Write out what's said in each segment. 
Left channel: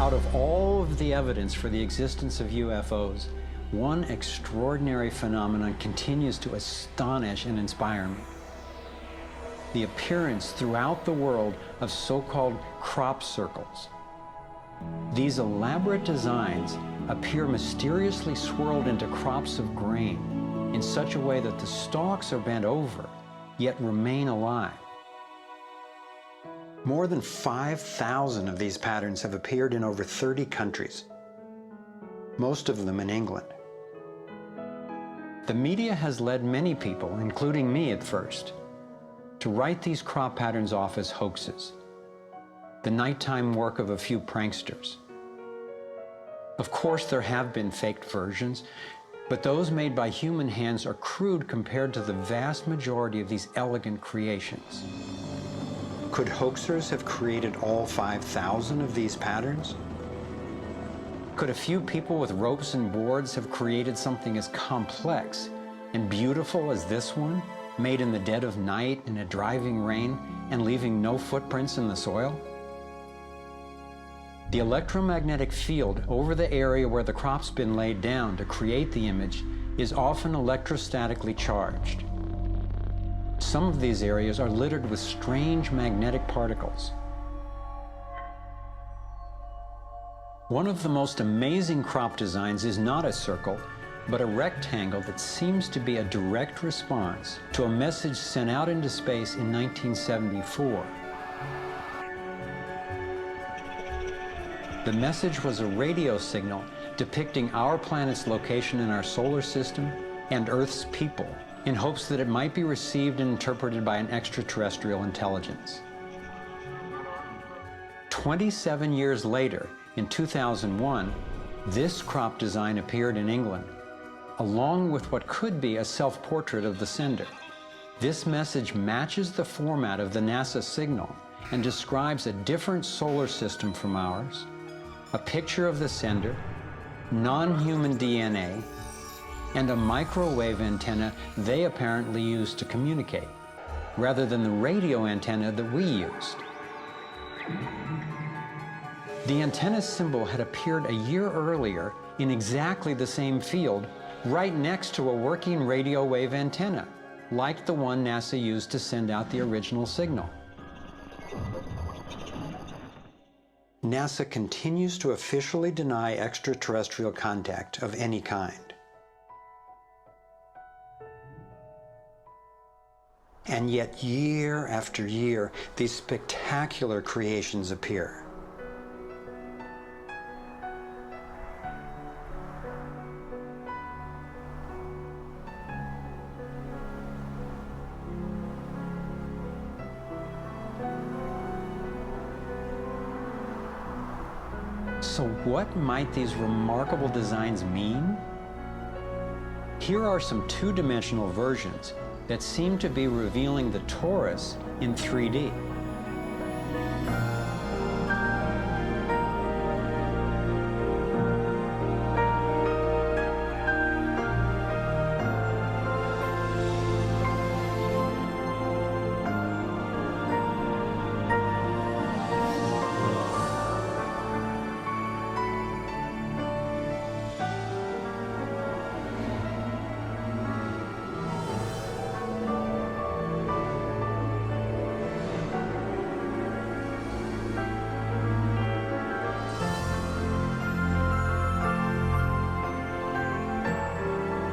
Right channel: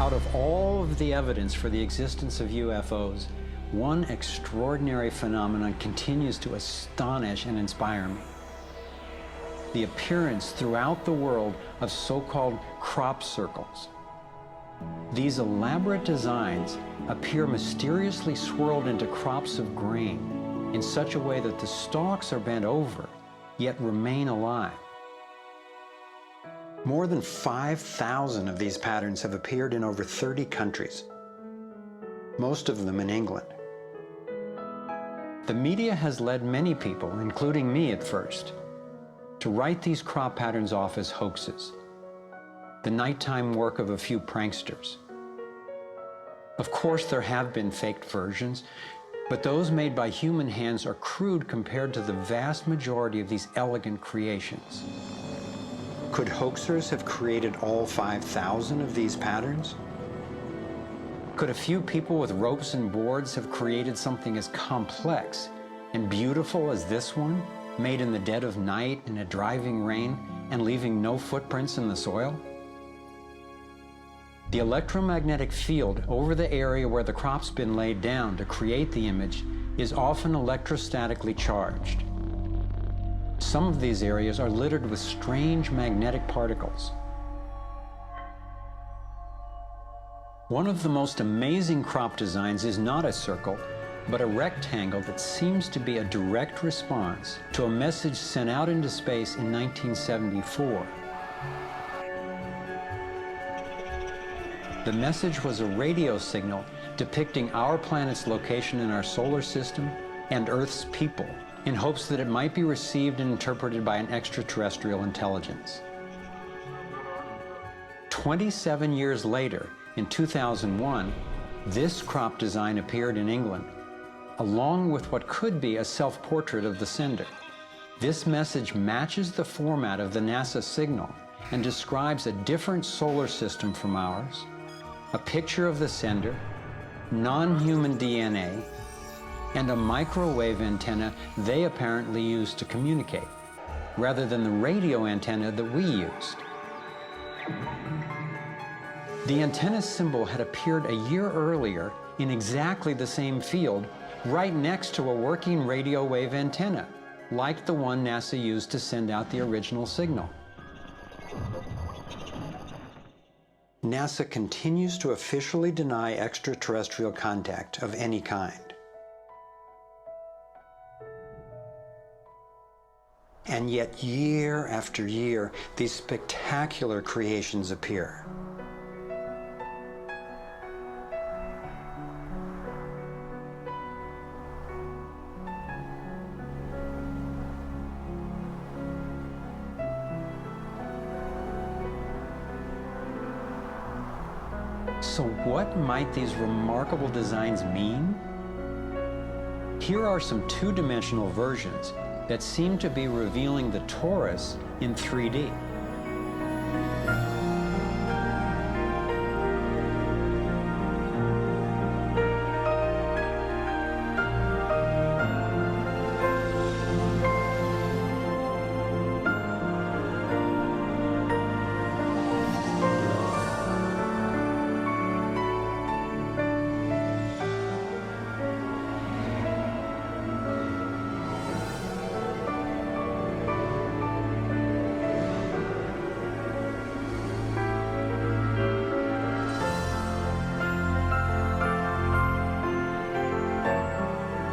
Out of all of the evidence for the existence of UFOs, one extraordinary phenomenon continues to astonish and inspire me. The appearance throughout the world of so-called crop circles. These elaborate designs appear mysteriously swirled into crops of grain in such a way that the stalks are bent over, yet remain alive. More than 5,000 of these patterns have appeared in over 30 countries, most of them in England. The media has led many people, including me at first, to write these crop patterns off as hoaxes, the nighttime work of a few pranksters. Of course, there have been faked versions, but those made by human hands are crude compared to the vast majority of these elegant creations. Could hoaxers have created all 5,000 of these patterns? Could a few people with ropes and boards have created something as complex and beautiful as this one, made in the dead of night in a driving rain and leaving no footprints in the soil? The electromagnetic field over the area where the crop's been laid down to create the image is often electrostatically charged. Some of these areas are littered with strange magnetic particles. One of the most amazing crop designs is not a circle, but a rectangle that seems to be a direct response to a message sent out into space in 1974. The message was a radio signal depicting our planet's location in our solar system and Earth's people, in hopes that it might be received and interpreted by an extraterrestrial intelligence. 27 years later, in 2001, this crop design appeared in England, along with what could be a self-portrait of the sender. This message matches the format of the NASA signal and describes a different solar system from ours, a picture of the sender, non-human DNA, and a microwave antenna they apparently used to communicate, rather than the radio antenna that we used. The antenna symbol had appeared a year earlier in exactly the same field, right next to a working radio wave antenna, like the one NASA used to send out the original signal. NASA continues to officially deny extraterrestrial contact of any kind. And yet, year after year, these spectacular creations appear. So what might these remarkable designs mean? Here are some two-dimensional versions that seem to be revealing the torus in 3D.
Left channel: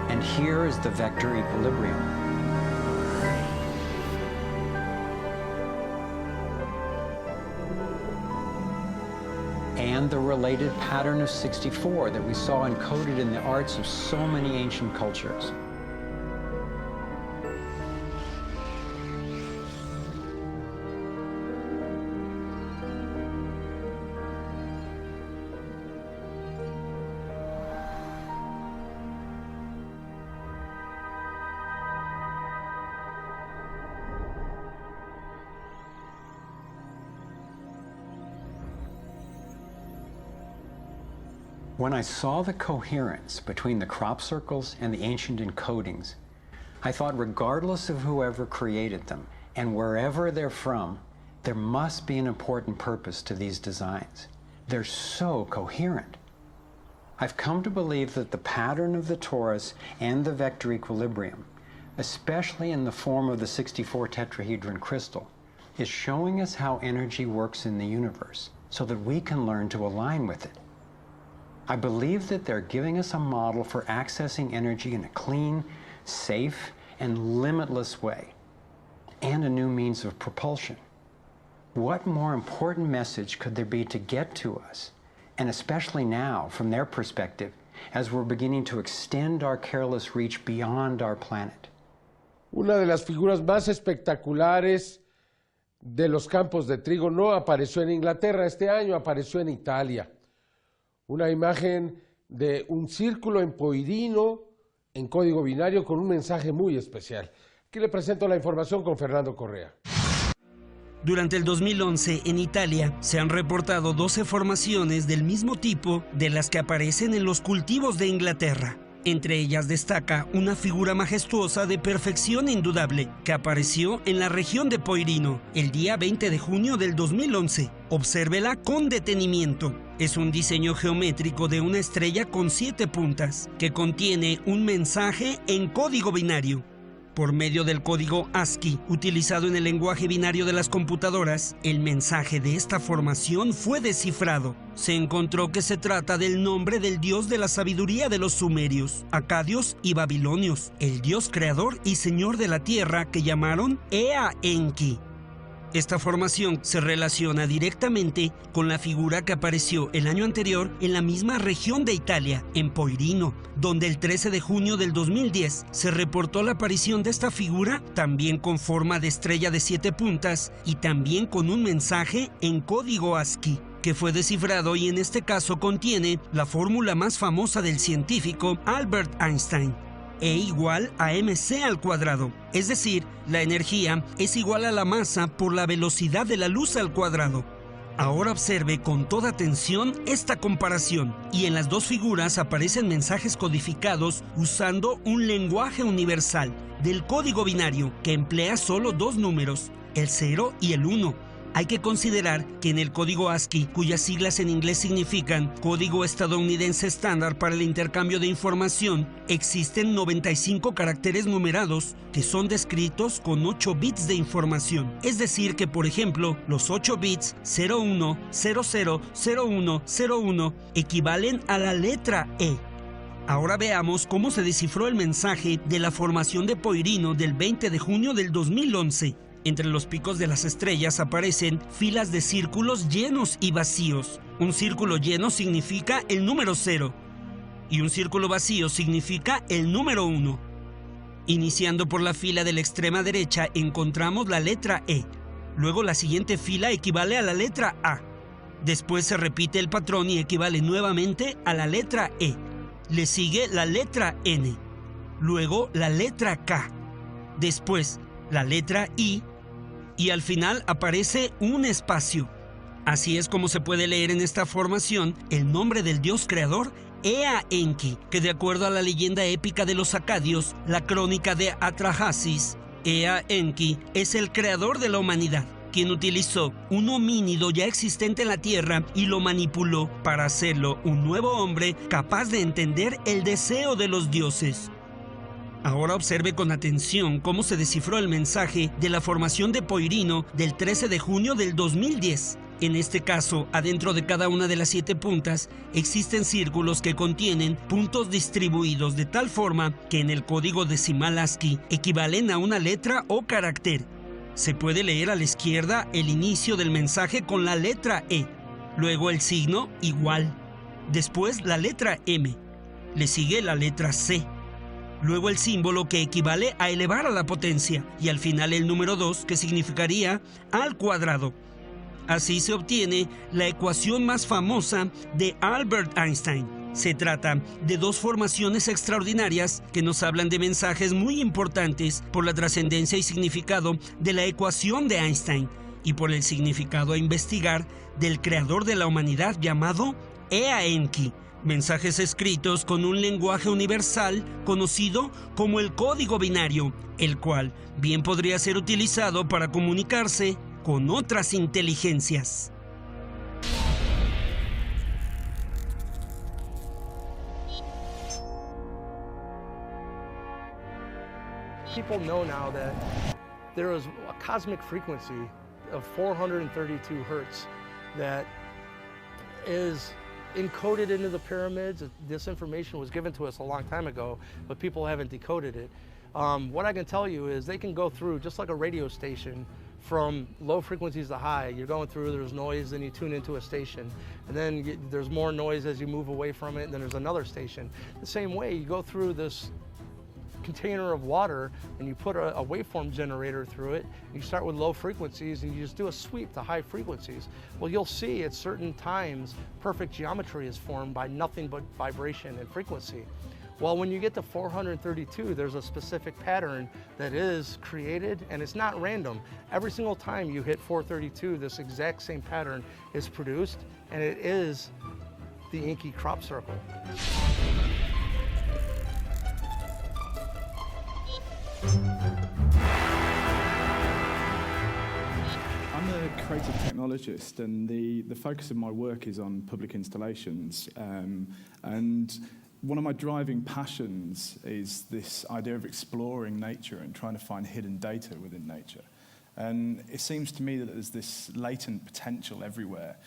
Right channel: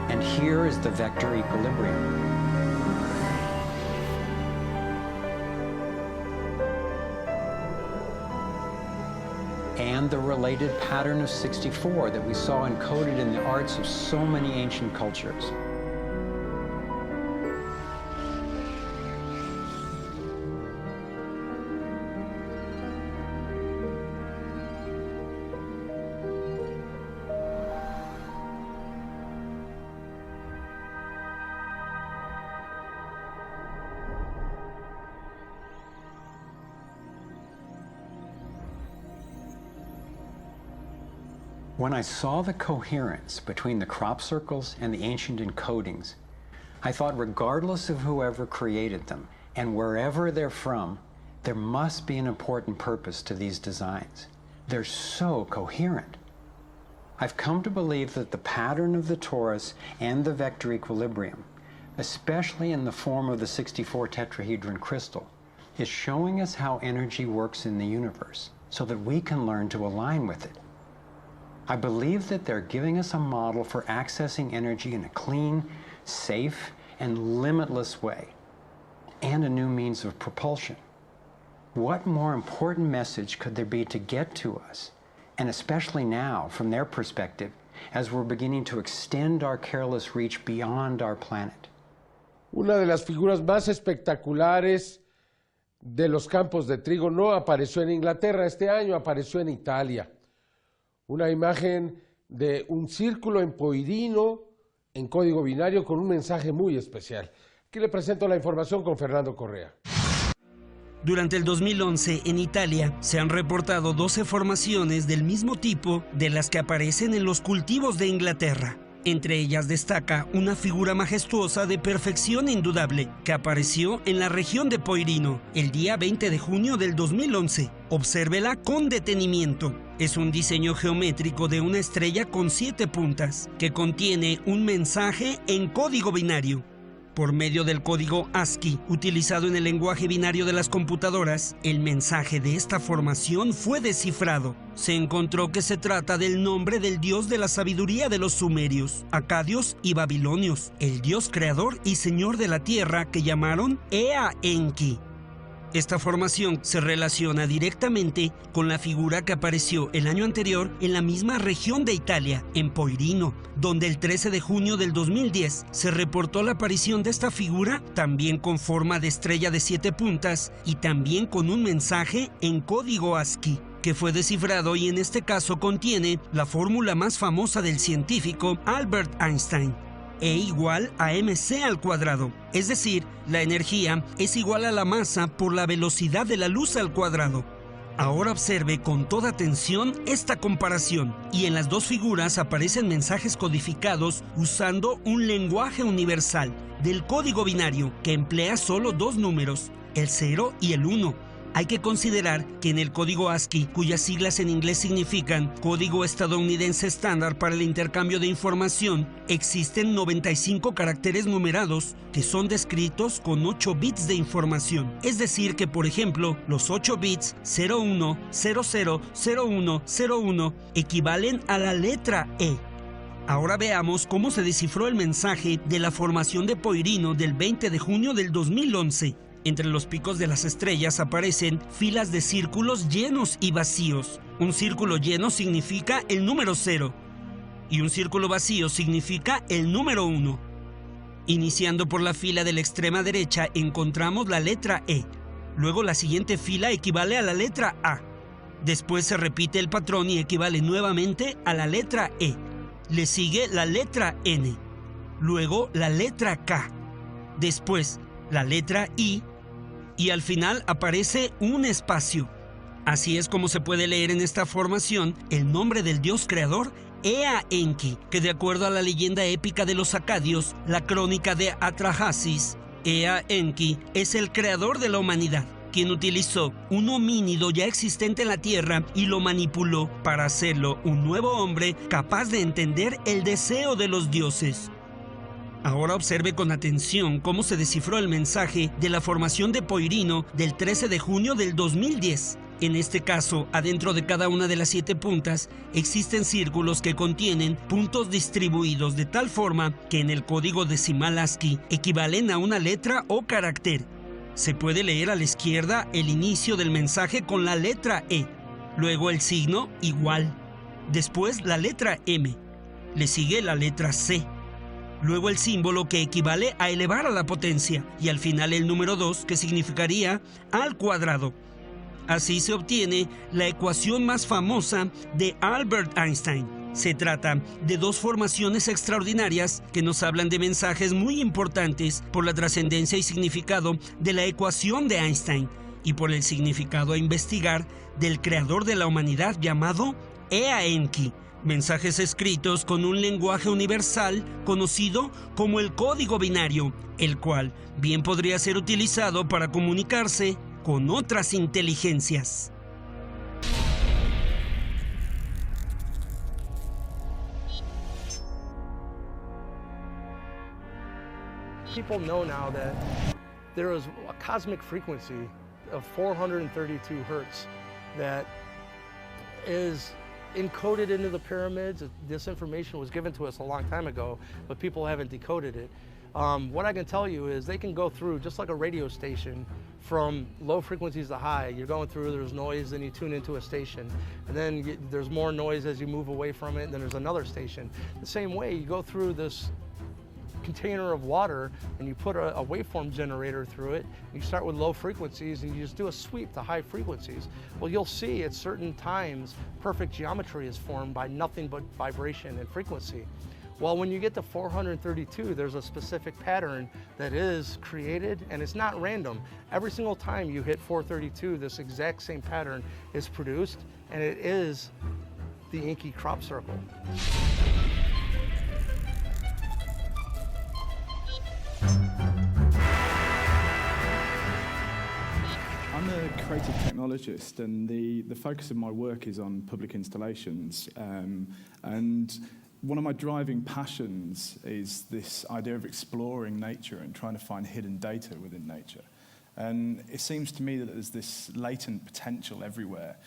And here is the vector equilibrium. And the related pattern of 64 that we saw encoded in the arts of so many ancient cultures. When I saw the coherence between the crop circles and the ancient encodings, I thought regardless of whoever created them and wherever they're from, there must be an important purpose to these designs. They're so coherent. I've come to believe that the pattern of the torus and the vector equilibrium, especially in the form of the 64 tetrahedron crystal, is showing us how energy works in the universe so that we can learn to align with it. I believe that they're giving us a model for accessing energy in a clean, safe, and limitless way, and a new means of propulsion. What more important message could there be to get to us, and especially now, from their perspective, as we're beginning to extend our careless reach beyond our planet? Una de las figuras más espectaculares de los campos de trigo no apareció en Inglaterra este año, apareció en Italia. Una imagen de un círculo en Poirino, en código binario, con un mensaje muy especial. Aquí le presento la información con Fernando Correa. Durante el 2011, en Italia, se han reportado 12 formaciones del mismo tipo de las que aparecen en los cultivos de Inglaterra. Entre ellas destaca una figura majestuosa de perfección indudable que apareció en la región de Poirino el día 20 de junio del 2011. Obsérvela con detenimiento. Es un diseño geométrico de una estrella con 7 puntas que contiene un mensaje en código binario. Por medio del código ASCII, utilizado en el lenguaje binario de las computadoras, el mensaje de esta formación fue descifrado. Se encontró que se trata del nombre del dios de la sabiduría de los sumerios, acadios y babilonios, el dios creador y señor de la tierra que llamaron Enki. Esta formación se relaciona directamente con la figura que apareció el año anterior en la misma región de Italia, en Poirino, donde el 13 de junio del 2010 se reportó la aparición de esta figura, también con forma de estrella de 7 puntas y también con un mensaje en código ASCII, que fue descifrado y en este caso contiene la fórmula más famosa del científico Albert Einstein, E igual a mc al cuadrado, es decir, la energía es igual a la masa por la velocidad de la luz al cuadrado. Ahora observe con toda atención esta comparación, y en las dos figuras aparecen mensajes codificados usando un lenguaje universal del código binario que emplea solo 2 números, el 0 y el 1. Hay que considerar que en el código ASCII, cuyas siglas en inglés significan Código Estadounidense Estándar para el Intercambio de Información, existen 95 caracteres numerados que son descritos con 8 bits de información. Es decir que, por ejemplo, los 8 bits 01, 00, 01, 01 equivalen a la letra E. Ahora veamos cómo se descifró el mensaje de la formación de Poirino del 20 de junio del 2011. Entre los picos de las estrellas aparecen filas de círculos llenos y vacíos. Un círculo lleno significa el número 0 y un círculo vacío significa el número 1. Iniciando por la fila de la extrema derecha encontramos la letra E. Luego la siguiente fila equivale a la letra A. Después se repite el patrón y equivale nuevamente a la letra E. Le sigue la letra N. Luego la letra K. Después la letra I. Y al final aparece un espacio. Así es como se puede leer en esta formación el nombre del dios creador Enki, que de acuerdo a la leyenda épica de los acadios, la crónica de Atrahasis, Enki es el creador de la humanidad, quien utilizó un homínido ya existente en la tierra y lo manipuló para hacerlo un nuevo hombre capaz de entender el deseo de los dioses. Ahora observe con atención cómo se descifró el mensaje de la formación de Poirino del 13 de junio del 2010. En este caso, adentro de cada una de las 7 puntas, existen círculos que contienen puntos distribuidos de tal forma que en el código decimal ASCII equivalen a una letra o carácter. Se puede leer a la izquierda el inicio del mensaje con la letra E, luego el signo igual, después la letra M, le sigue la letra C. Luego el símbolo que equivale a elevar a la potencia y al final el número 2 que significaría al cuadrado. Así se obtiene la ecuación más famosa de Albert Einstein. Se trata de 2 formaciones extraordinarias que nos hablan de mensajes muy importantes por la trascendencia y significado de la ecuación de Einstein y por el significado a investigar del creador de la humanidad llamado Enki. Mensajes escritos con un lenguaje universal conocido como el código binario, el cual bien podría ser utilizado para comunicarse con otras inteligencias. People know now that there is a cosmic frequency of 432 Hertz that is encoded into the pyramids. This information was given to us a long time ago, but people haven't decoded it. What I can tell you is they can go through, just like a radio station, from low frequencies to high. You're going through, there's noise, then you tune into a station, and then there's more noise as you move away from it, and then there's another station. The same way, you go through this container of water and you put a waveform generator through it. You start with low frequencies and you just do a sweep to high frequencies. Well, you'll see at certain times perfect geometry is formed by nothing but vibration and frequency. Well, when you get to 432, there's a specific pattern that is created, and it's not random. Every single time you hit 432, this exact same pattern is produced, and it is the Enki crop circle. I'm a creative technologist, and the focus of my work is on public installations. And one of my driving passions is this idea of exploring nature and trying to find hidden data within nature. And it seems to me that there's this latent potential everywhere,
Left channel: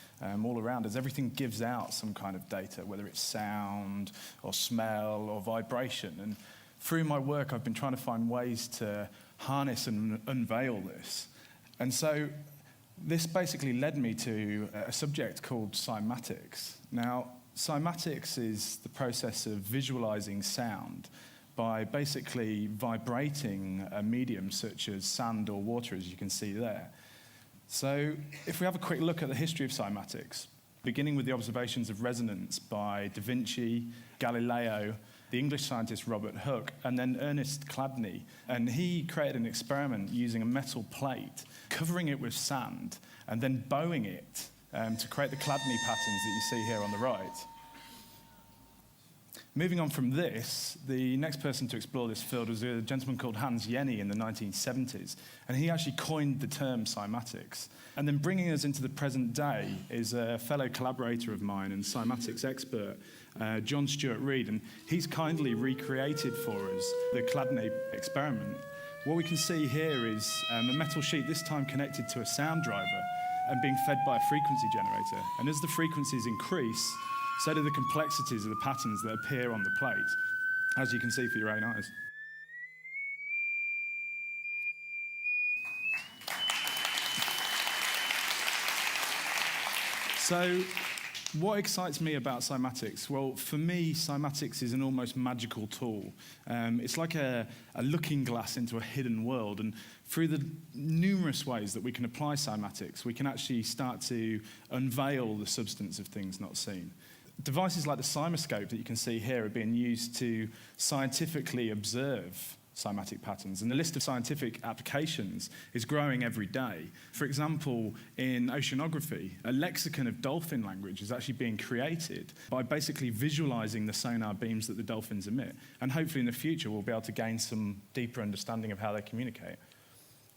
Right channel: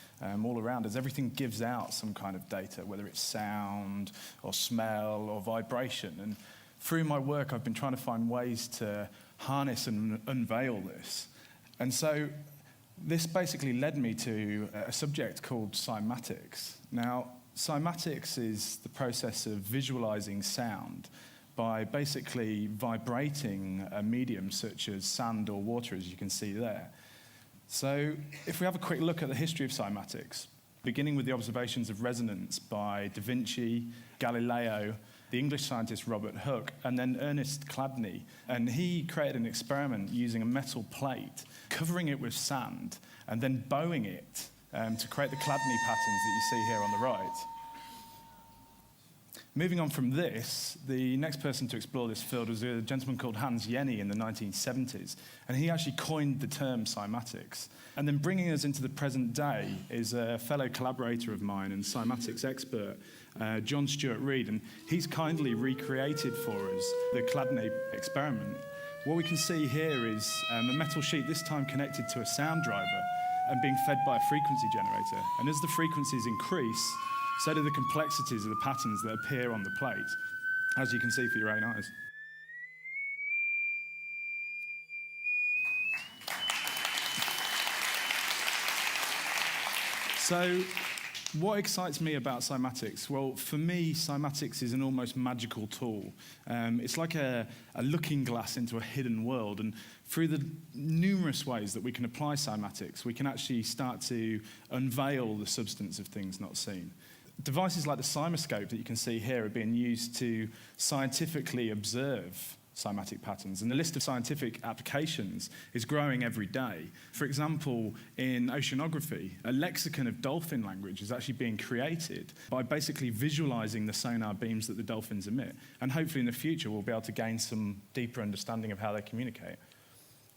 all around us. Everything gives out some kind of data, whether it's sound or smell or vibration. And through my work, I've been trying to find ways to harness and unveil this. And so this basically led me to a subject called cymatics. Now, cymatics is the process of visualizing sound by basically vibrating a medium such as sand or water, as you can see there. So if we have a quick look at the history of cymatics, beginning with the observations of resonance by Da Vinci, Galileo, the English scientist Robert Hooke, and then Ernest Chladni. And he created an experiment using a metal plate, covering it with sand, and then bowing it to create the Chladni patterns that you see here on the right. Moving on from this, the next person to explore this field was a gentleman called Hans Jenny in the 1970s, and he actually coined the term cymatics. And then bringing us into the present day is a fellow collaborator of mine and cymatics expert, John Stuart Reid, and he's kindly recreated for us the Chladni Experiment. What we can see here is a metal sheet, this time connected to a sound driver and being fed by a frequency generator. And as the frequencies increase, so do the complexities of the patterns that appear on the plate, as you can see for your own eyes. So, what excites me about cymatics? Well, for me, cymatics is an almost magical tool. It's like a looking glass into a hidden world, and through the numerous ways that we can apply cymatics, we can actually start to unveil the substance of things not seen. Devices like the cymoscope that you can see here are being used to scientifically observe cymatic patterns, and the list of scientific applications is growing every day. For example, in oceanography, a lexicon of dolphin language is actually being created by basically visualizing the sonar beams that the dolphins emit, and hopefully in the future we'll be able to gain some deeper understanding of how they communicate.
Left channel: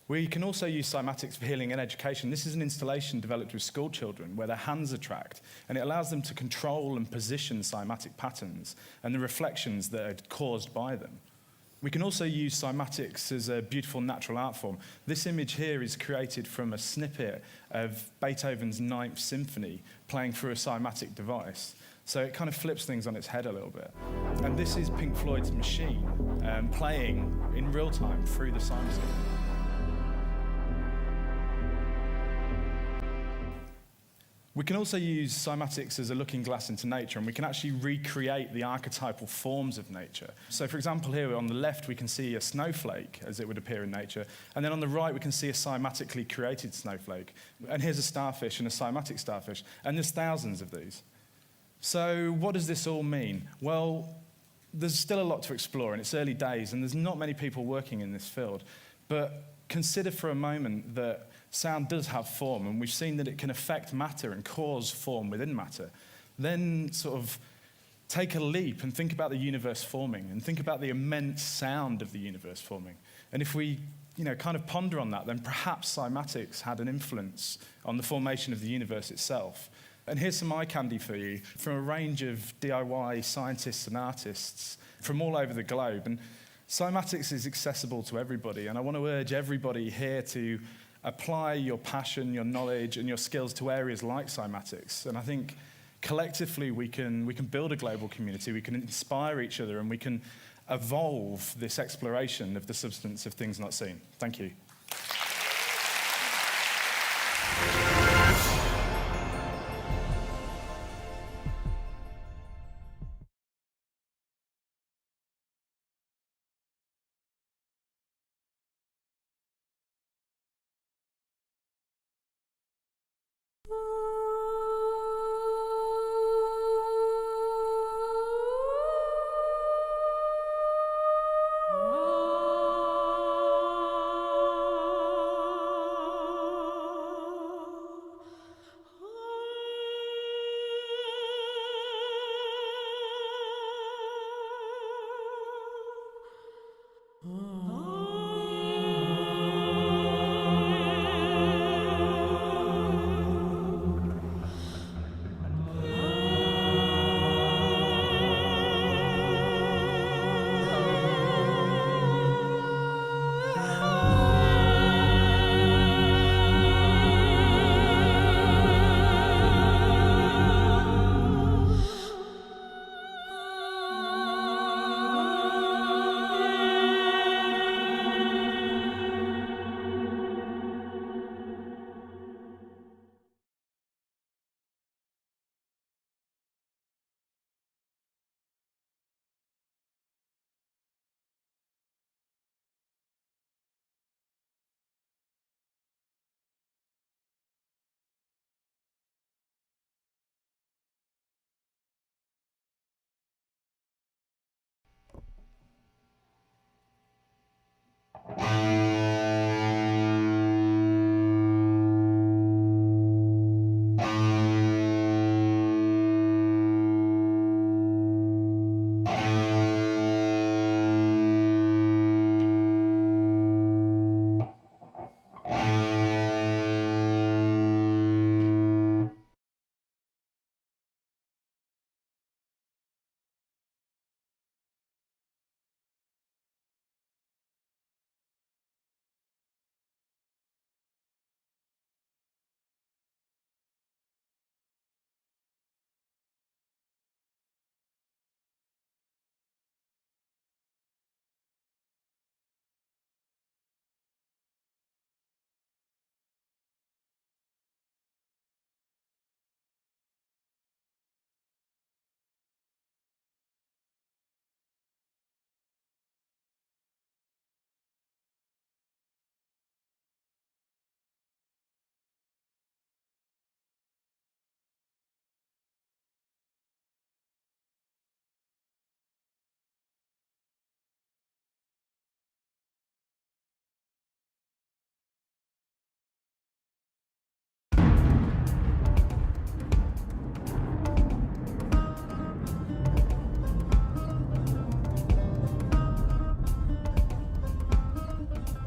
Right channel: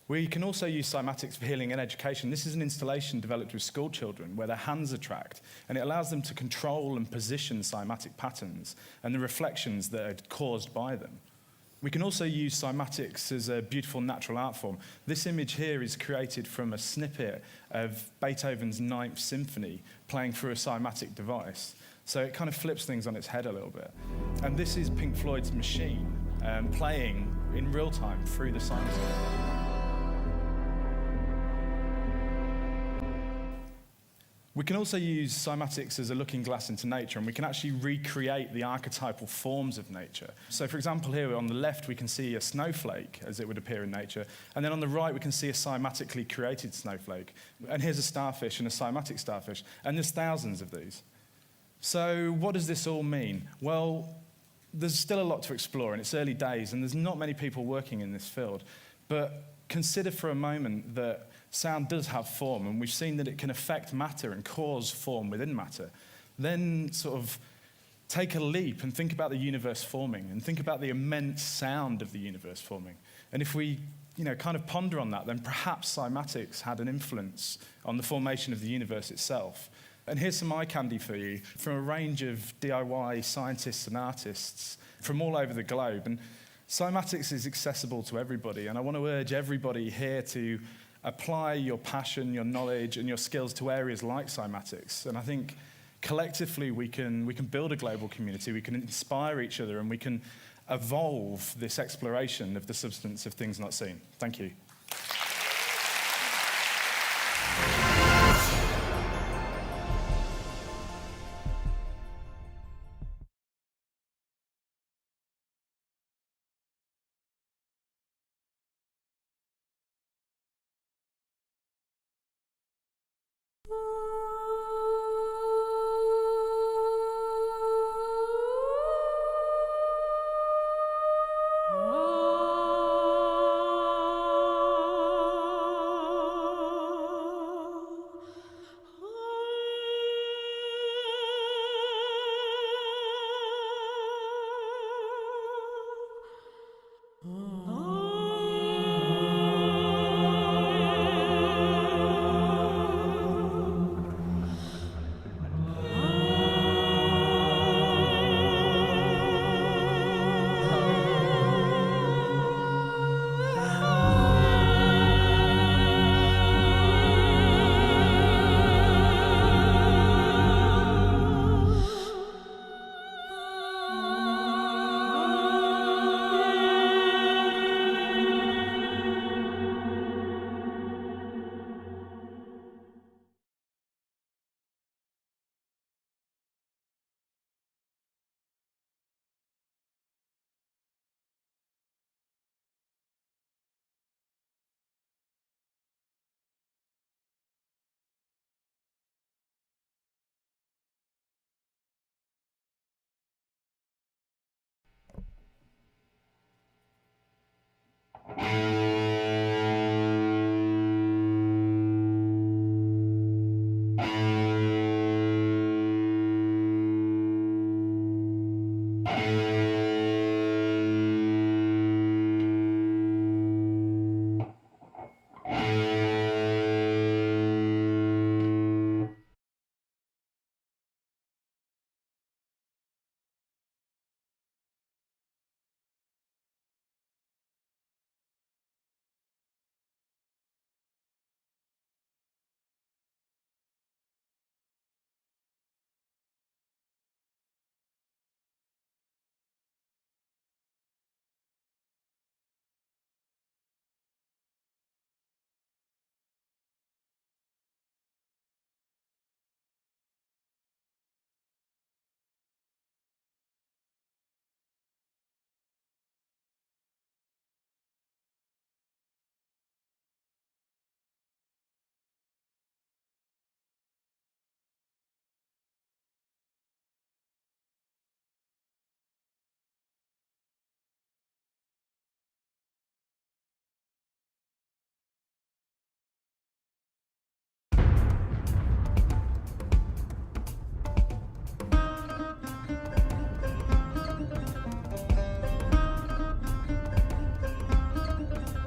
We can also use cymatics for healing and education. This is an installation developed with school children where their hands are tracked, and it allows them to control and position cymatic patterns and the reflections that are caused by them. We can also use cymatics as a beautiful natural art form. This image here is created from a snippet of Beethoven's Ninth Symphony playing through a cymatic device. So it kind of flips things on its head a little bit. And this is Pink Floyd's Machine playing in real time through the cymoscope. We can also use cymatics as a looking glass into nature, and we can actually recreate the archetypal forms of nature. So, for example, here on the left, we can see a snowflake as it would appear in nature, and then on the right, we can see a cymatically created snowflake. And here's a starfish and a cymatic starfish, and there's thousands of these. So, what does this all mean? Well, there's still a lot to explore, and it's early days, and there's not many people working in this field. But consider for a moment that sound does have form, and we've seen that it can affect matter and cause form within matter. Then sort of take a leap and think about the universe forming, and think about the immense sound of the universe forming. And if we, kind of ponder on that, then perhaps cymatics had an influence on the formation of the universe itself. And here's some eye candy for you from a range of DIY scientists and artists from all over the globe. And Cymatics is accessible to everybody, and I want to urge everybody here to apply your passion, your knowledge, and your skills to areas like cymatics. And I think collectively we can build a global community, we can inspire each other, and we can evolve this exploration of the substance of things not seen. Thank you.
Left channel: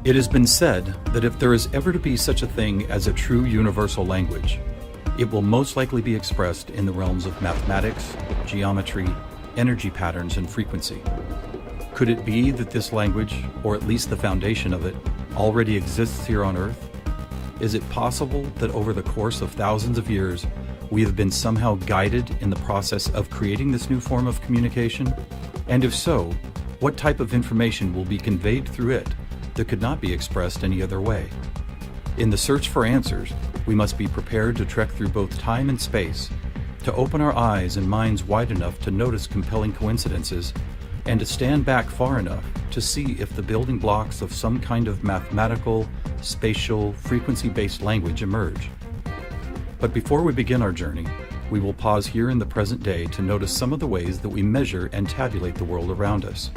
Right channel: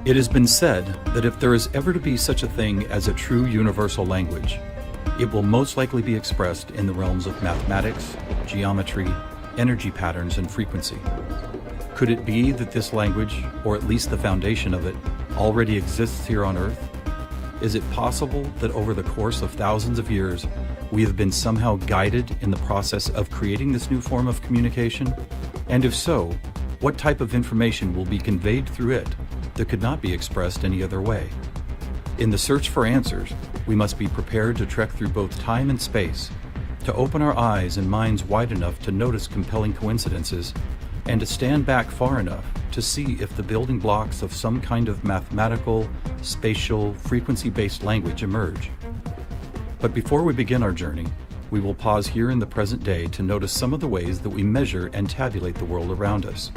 It has been said that if there is ever to be such a thing as a true universal language, it will most likely be expressed in the realms of mathematics, geometry, energy patterns, and frequency. Could it be that this language, or at least the foundation of it, already exists here on Earth? Is it possible that over the course of thousands of years, we have been somehow guided in the process of creating this new form of communication? And if so, what type of information will be conveyed through it that could not be expressed any other way? In the search for answers, we must be prepared to trek through both time and space, to open our eyes and minds wide enough to notice compelling coincidences, and to stand back far enough to see if the building blocks of some kind of mathematical, spatial, frequency-based language emerge. But before we begin our journey, we will pause here in the present day to notice some of the ways that we measure and tabulate the world around us.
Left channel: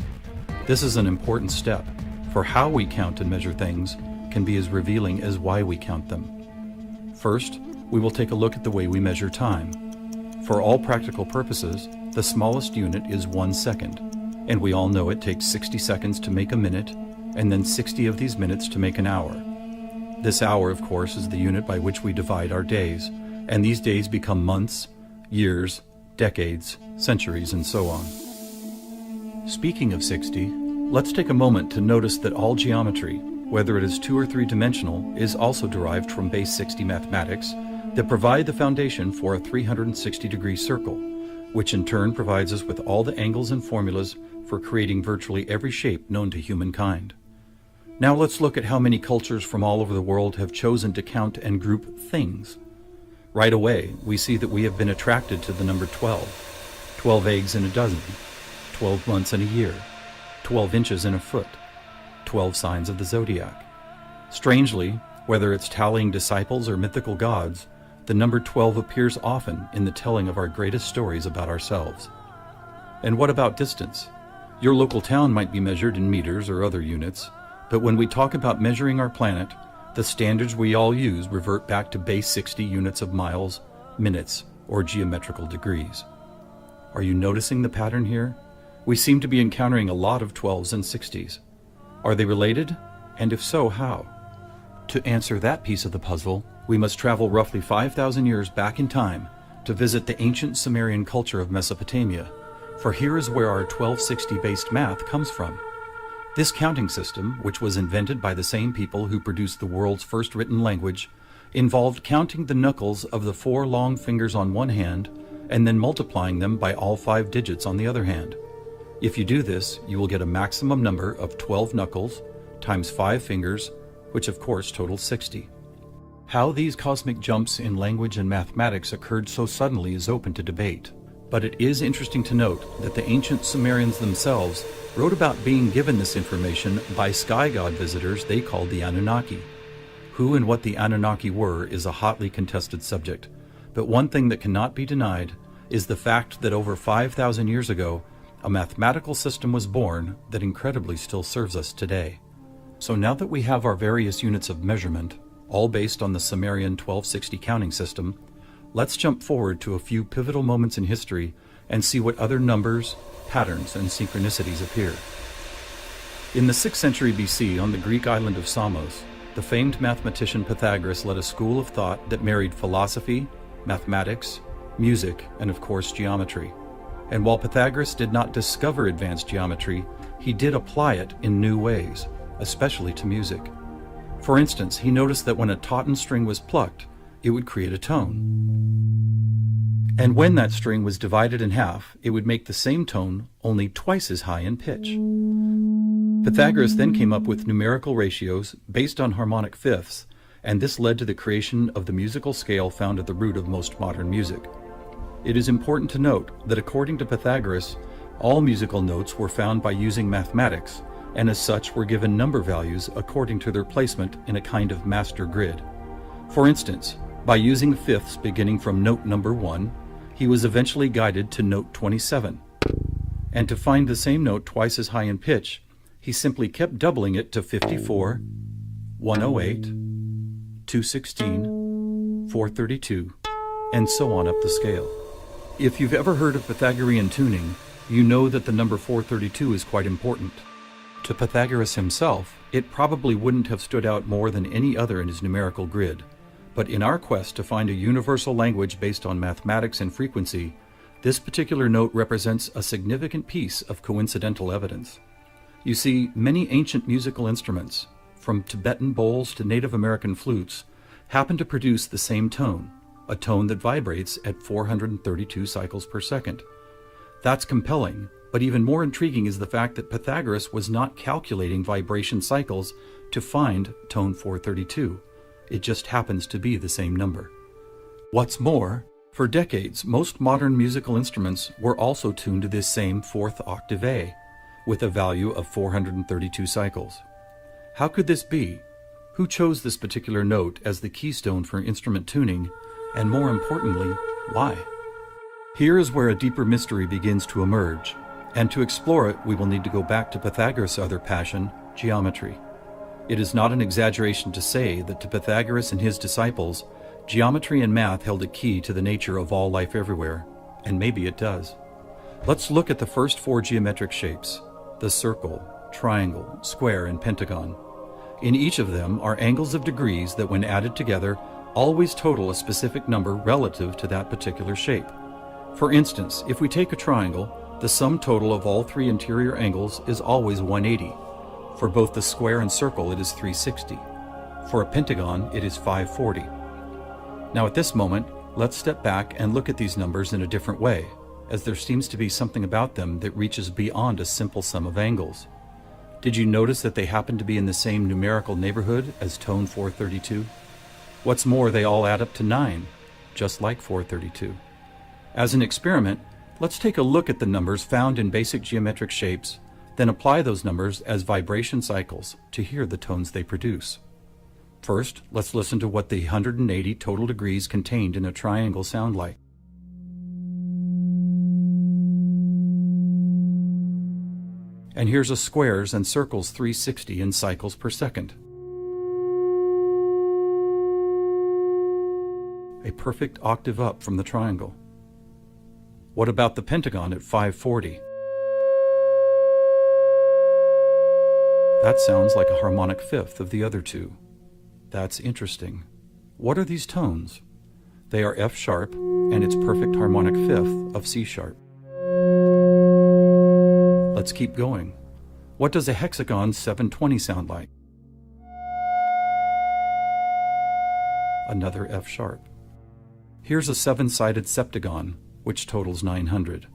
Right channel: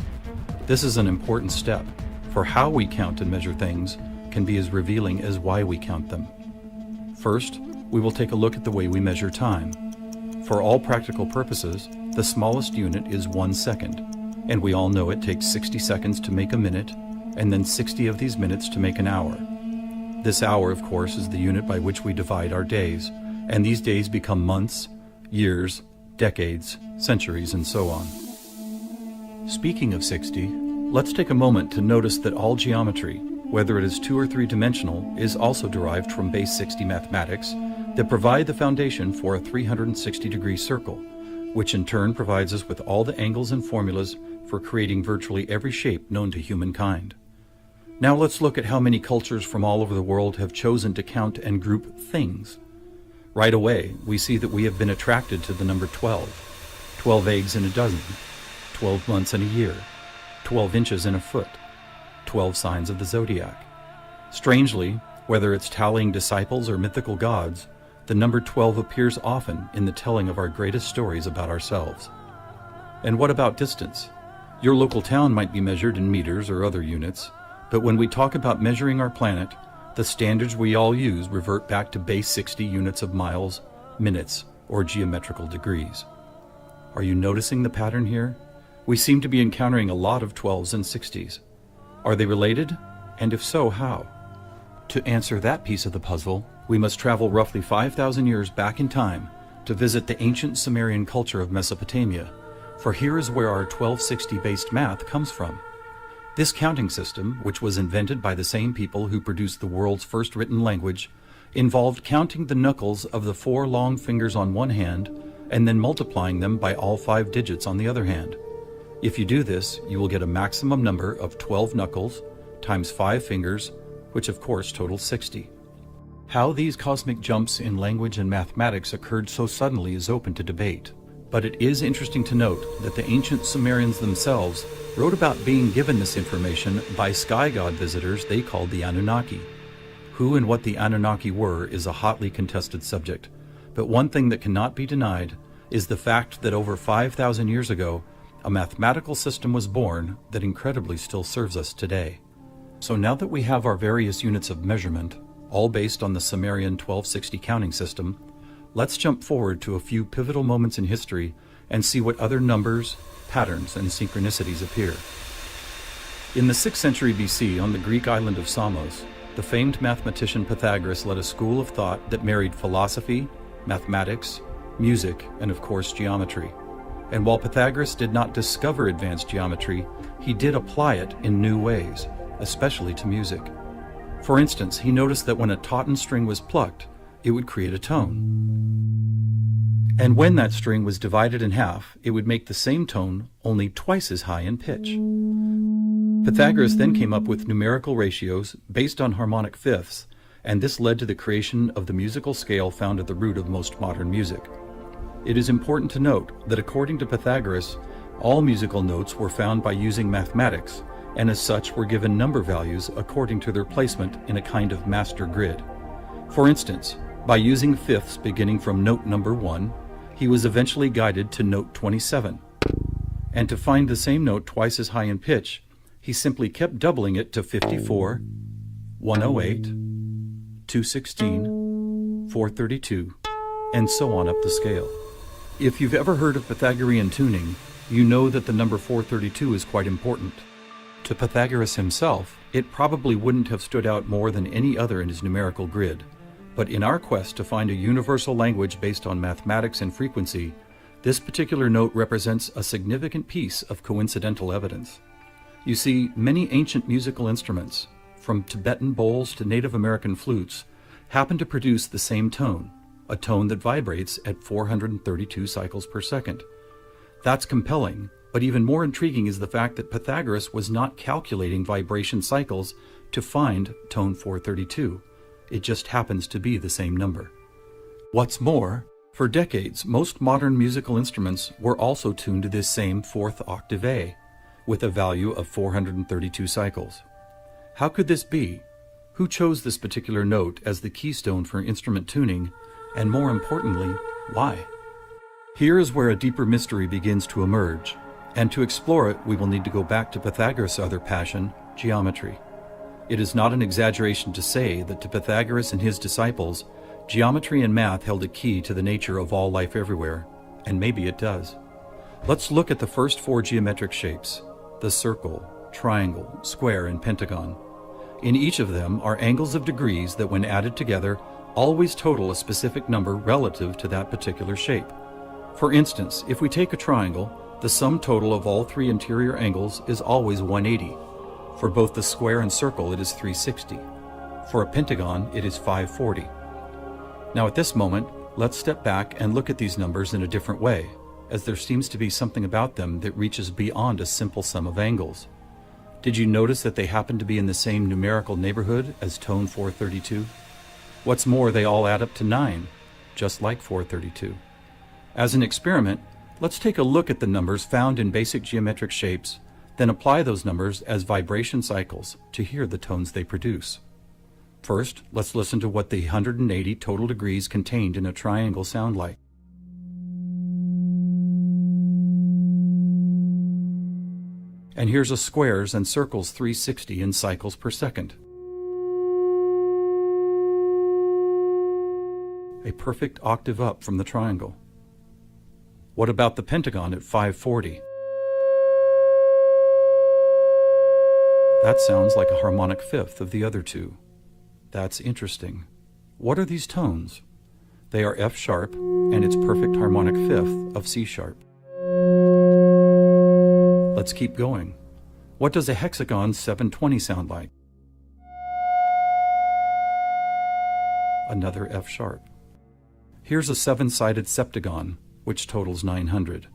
This is an important step, for how we count and measure things can be as revealing as why we count them. First, we will take a look at the way we measure time. For all practical purposes, the smallest unit is 1 second, and we all know it takes 60 seconds to make a minute, and then 60 of these minutes to make an hour. This hour, of course, is the unit by which we divide our days, and these days become months, years, decades, centuries, and so on. Speaking of 60, Let's take a moment to notice that all geometry, whether it is 2 or 3 dimensional, is also derived from base 60 mathematics that provide the foundation for a 360-degree circle, which in turn provides us with all the angles and formulas for creating virtually every shape known to humankind. Now let's look at how many cultures from all over the world have chosen to count and group things. Right away, we see that we have been attracted to the number 12. 12 eggs in a dozen, 12 months in a year, 12 inches in a foot, 12 signs of the zodiac. Strangely, whether it's tallying disciples or mythical gods, the number 12 appears often in the telling of our greatest stories about ourselves. And what about distance? Your local town might be measured in meters or other units, but when we talk about measuring our planet, the standards we all use revert back to base 60 units of miles, minutes, or geometrical degrees. Are you noticing the pattern here? We seem to be encountering a lot of 12s and 60s. Are they related? And if so, how? To answer that piece of the puzzle, we must travel roughly 5,000 years back in time to visit the ancient Sumerian culture of Mesopotamia, for here is where our 1260-based math comes from. This counting system, which was invented by the same people who produced the world's first written language, involved counting the knuckles of the 4 long fingers on one hand and then multiplying them by all 5 digits on the other hand. If you do this, you will get a maximum number of 12 knuckles times 5 fingers, which of course totals 60. How these cosmic jumps in language and mathematics occurred so suddenly is open to debate. But it is interesting to note that the ancient Sumerians themselves wrote about being given this information by sky god visitors they called the Anunnaki. Who and what the Anunnaki were is a hotly contested subject, but one thing that cannot be denied is the fact that over 5,000 years ago, a mathematical system was born that incredibly still serves us today. So now that we have our various units of measurement, all based on the Sumerian 1260 counting system, let's jump forward to a few pivotal moments in history and see what other numbers, patterns, and synchronicities appear. In the 6th century BC, on the Greek island of Samos, the famed mathematician Pythagoras led a school of thought that married philosophy, mathematics, music, and of course geometry. And while Pythagoras did not discover advanced geometry, he did apply it in new ways, especially to music. For instance, he noticed that when a tauten string was plucked, it would create a tone. And when that string was divided in half, it would make the same tone only twice as high in pitch. Pythagoras then came up with numerical ratios based on harmonic fifths, and this led to the creation of the musical scale found at the root of most modern music. It is important to note that according to Pythagoras, all musical notes were found by using mathematics, and as such were given number values according to their placement in a kind of master grid. For instance, by using fifths beginning from note number 1, he was eventually guided to note 27. And to find the same note twice as high in pitch, he simply kept doubling it to 54, 108, 216, 432, and so on up the scale. If you've ever heard of Pythagorean tuning, you know that the number 432 is quite important. To Pythagoras himself, it probably wouldn't have stood out more than any other in his numerical grid. But in our quest to find a universal language based on mathematics and frequency, this particular note represents a significant piece of coincidental evidence. You see, many ancient musical instruments, from Tibetan bowls to Native American flutes, happen to produce the same tone, a tone that vibrates at 432 cycles per second. That's compelling, but even more intriguing is the fact that Pythagoras was not calculating vibration cycles to find tone 432. It just happens to be the same number. What's more, for decades, most modern musical instruments were also tuned to this same 4th octave A, with a value of 432 cycles. How could this be? Who chose this particular note as the keystone for instrument tuning, and more importantly, why? Here is where a deeper mystery begins to emerge, and to explore it, we will need to go back to Pythagoras' other passion, geometry. It is not an exaggeration to say that to Pythagoras and his disciples, geometry and math held a key to the nature of all life everywhere, and maybe it does. Let's look at the first 4 geometric shapes, the circle, triangle, square, and pentagon. In each of them are angles of degrees that, when added together, always total a specific number relative to that particular shape. For instance, if we take a triangle, The sum total of all three interior angles is always 180. For both the square and circle, it is 360. For a pentagon, it is 540. Now at this moment, let's step back and look at these numbers in a different way, as there seems to be something about them that reaches beyond a simple sum of angles. Did you notice that they happen to be in the same numerical neighborhood as tone 432? What's more, they all add up to 9, just like 432. As an experiment, let's take a look at the numbers found in basic geometric shapes, then apply those numbers as vibration cycles to hear the tones they produce. First, let's listen to what the 180 total degrees contained in a triangle sound like. And here's a squares and circles 360 in cycles per second. A perfect octave up from the triangle. What about the pentagon at 540? That sounds like a harmonic fifth of the other two. That's interesting. What are these tones? They are F sharp and its perfect harmonic fifth of C sharp. Let's keep going. What does a hexagon 720 sound like? Another F sharp. Here's a seven-sided septagon, which totals 900.